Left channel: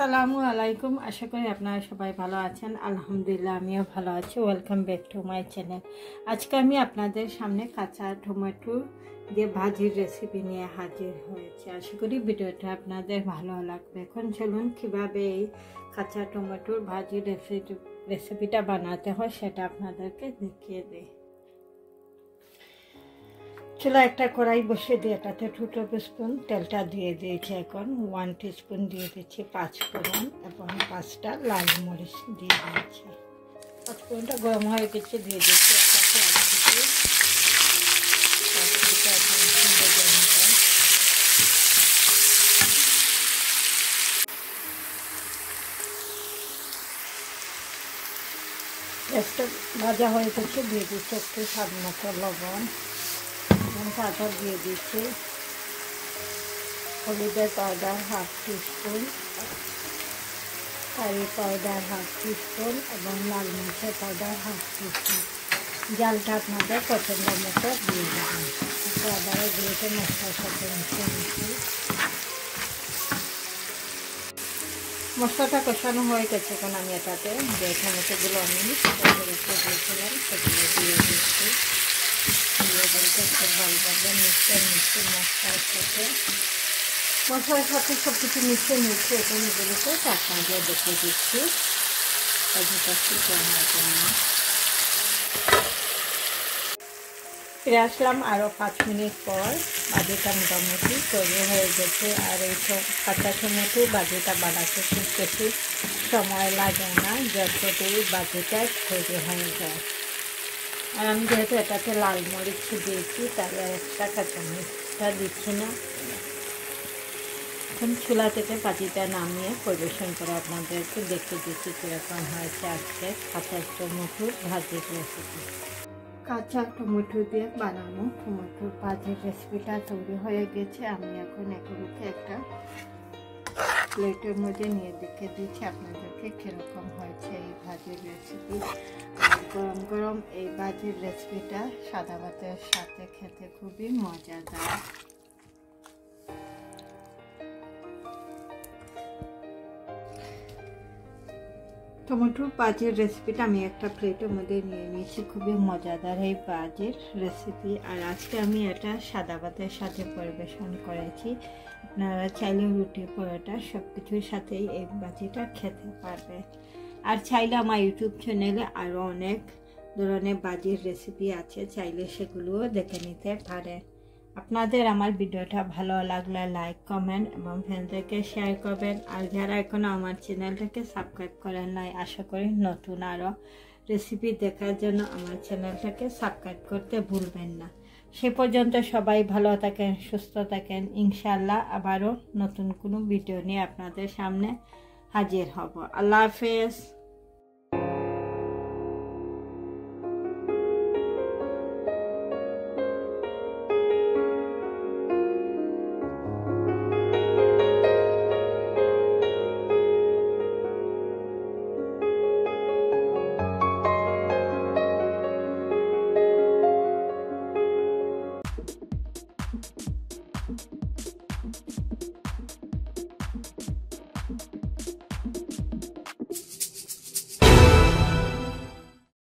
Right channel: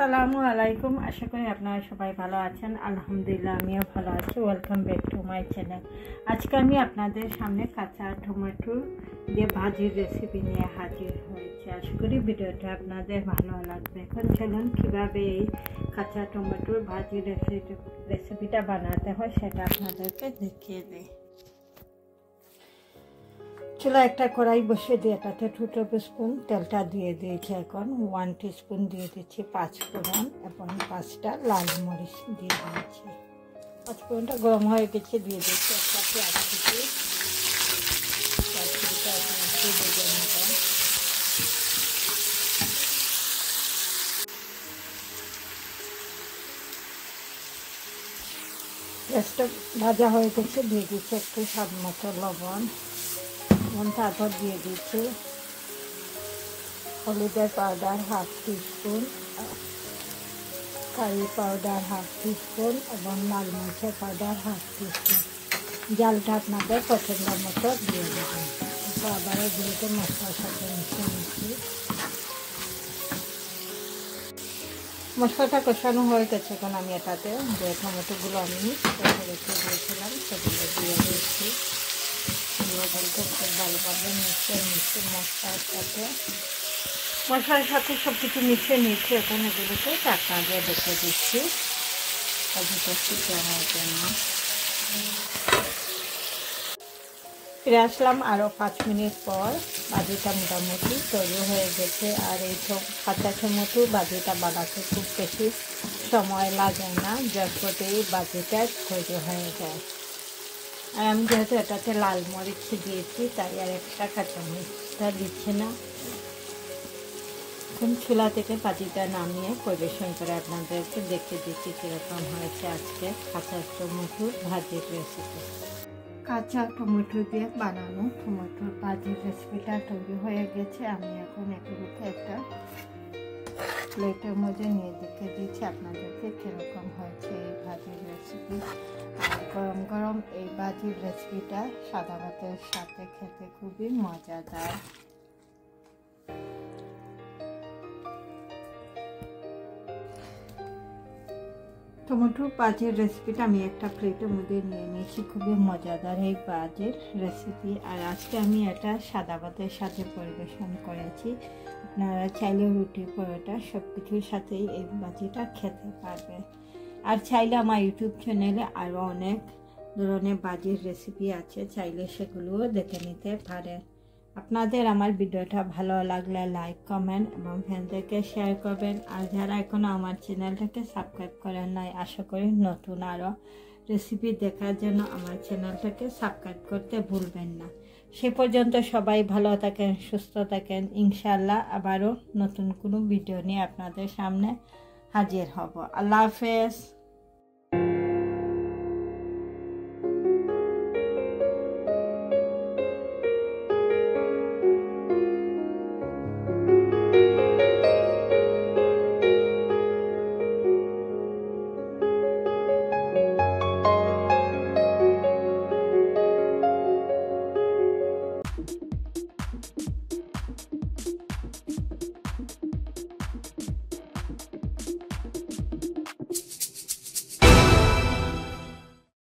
আসসালামু আলাইকুম। আশা করি আপনারা সবাই ভালো আছেন। আলহামদুলিল্লাহ আমিও ভালো আছি। Welcome back to my channel. আজকে আমি আপনাদের সামনে কাঁচা টমেটো দিয়ে ভাজির রেসিপি নিয়ে হাজির হয়েছি। আশা করি ভিডিওটা আপনাদের ভালো লাগবে। এখন চলুন কীভাবে এই কাঁচা টমেটোর ভাজির রেসিপিটা বানাতে হয় সেটা আপনাদেরকে দেখিয়ে দিই। চুলা একটা কড়াই বসিয়ে দিয়ে এটাতে 2 টেবিল স্পুন তেলটা দিয়ে দিয়েছি। এখন 1 টিস্পুন দিয়ে দিচ্ছি পাঁচফোড়ন এবং 5টা লাল মরিচ দিয়ে দিয়েছি। পাঁচফোড়নটা গরম হয়ে গেছে, দিয়ে দিচ্ছি একটা পেঁয়াজ কুচি। পেঁয়াজ কুচিটা এখন একটু ভেজে নেব। পেঁয়াজটা ভাজা হয়ে গেছে, দিয়ে দিচ্ছি একটু স্বাদ মতো লবণ এবং তারপর দিয়ে দিচ্ছি হলুদের powder 1/2 teaspoon, curry powder 1/2 teaspoon এবং লাল মরিচের পাউডার 1/2 টিস্পুন। জালটা আপনাদের পছন্দ মতো দিয়ে দেবেন। আবারও দিয়েছে মশলার সাথে মিশিয়ে নিচ্ছি। মশলাটা কষানো হয়ে গেছে। এখন আমি এটাতে যে টমেটোগুলো আমি রেখে দিয়েছিলাম সেগুলো দিয়ে দিচ্ছি। দিয়ে বলতে একটু ভালোভাবে মিশিয়ে নিচ্ছি মশলার সাথে সব কিছু মিশিয়ে নিচ্ছি। এখন এগুলোকে ঢাকনা দিয়ে দেখে দিচ্ছি ভাজিটা শুকানোর জন্য। ফিরে আসলাম আরও 5 মিনিট পর। ভাজিটা মোটামুটি তৈরি হয়ে গেছে। আর এই কাঁচা টমেটো ভাজিটা বানাতে খুব বেশি সময় লাগে না, যতটাই ভাজিটা তৈরি হয়ে যায়। আর আমি যেহেতু এটাতে লাল মরিচ দিয়েছি তাই আর একটা কাঁচামরিচটা দিচ্ছি না। এখন চুলা থেকে ভাজিটা নামিয়ে পরিবেশন করে আপনাদেরকে দেখে দিচ্ছি কীরকম হয়েছে আজকে কাঁচা টমেটোর ভাজির রেসিপি। কাঁচা টমেটো দিয়ে বানানো টমেটোর ভাজির রেসিপিটা তৈরি হয়ে গেছে। আমি এখন এগুলোকে একটা প্লেটের মধ্যে নিয়ে দেখে দিচ্ছি আপনাদেরকে কীরকম হয়েছে এই ভাজির রেসিপি। আর গরম গরম এই ভাজির রেসিপিটা সাদা ভাতের সাথে খেতে খুবই মজাদার। টমেটোর ভাজির রেসিপিটা আমি একটা প্লেটের মধ্যে নিয়ে নিয়েছি। খুবই মজাদার এই ভাজির রেসিপি। আর আজকে আমি এটা সাদা ভাতের সাথে পরিবেশন করেছি। আপনারা চাইলে রুটি পরোটা সব কিছুর সাথেই এই ভাজিটা খেতে পারবে। আর চাইলে আমার ইউটিউব চ্যানেলে আরও অনেক ধরনের ভাজির রেসিপি আছে, চাইলে সেগুলোও দেখে নিতে পারে। আপনাদের আমার ভিডিওটা ভালো লাগলে লাইক কমেন্ট এবং ফ্রেন্ডদেরকে শেয়ার করবেন। আর যারা এখনও আমার চ্যানেলটাকে সাবস্ক্রাইব করেন নাই, আশা করি নতুন আরও রেসিপি দেখার জন্য আমার চ্যানেলটাকে সাবস্ক্রাইব করতে ভুলবেন না। সে পর্যন্ত সবাই ভালো থাকেন, সুস্থ থাকেন। ইনশাআল্লাহ আবারও নতুন কোনো ভিডিও নিয়ে আপনাদের সামনে হাজির হব। আল্লাহ হাফেজ।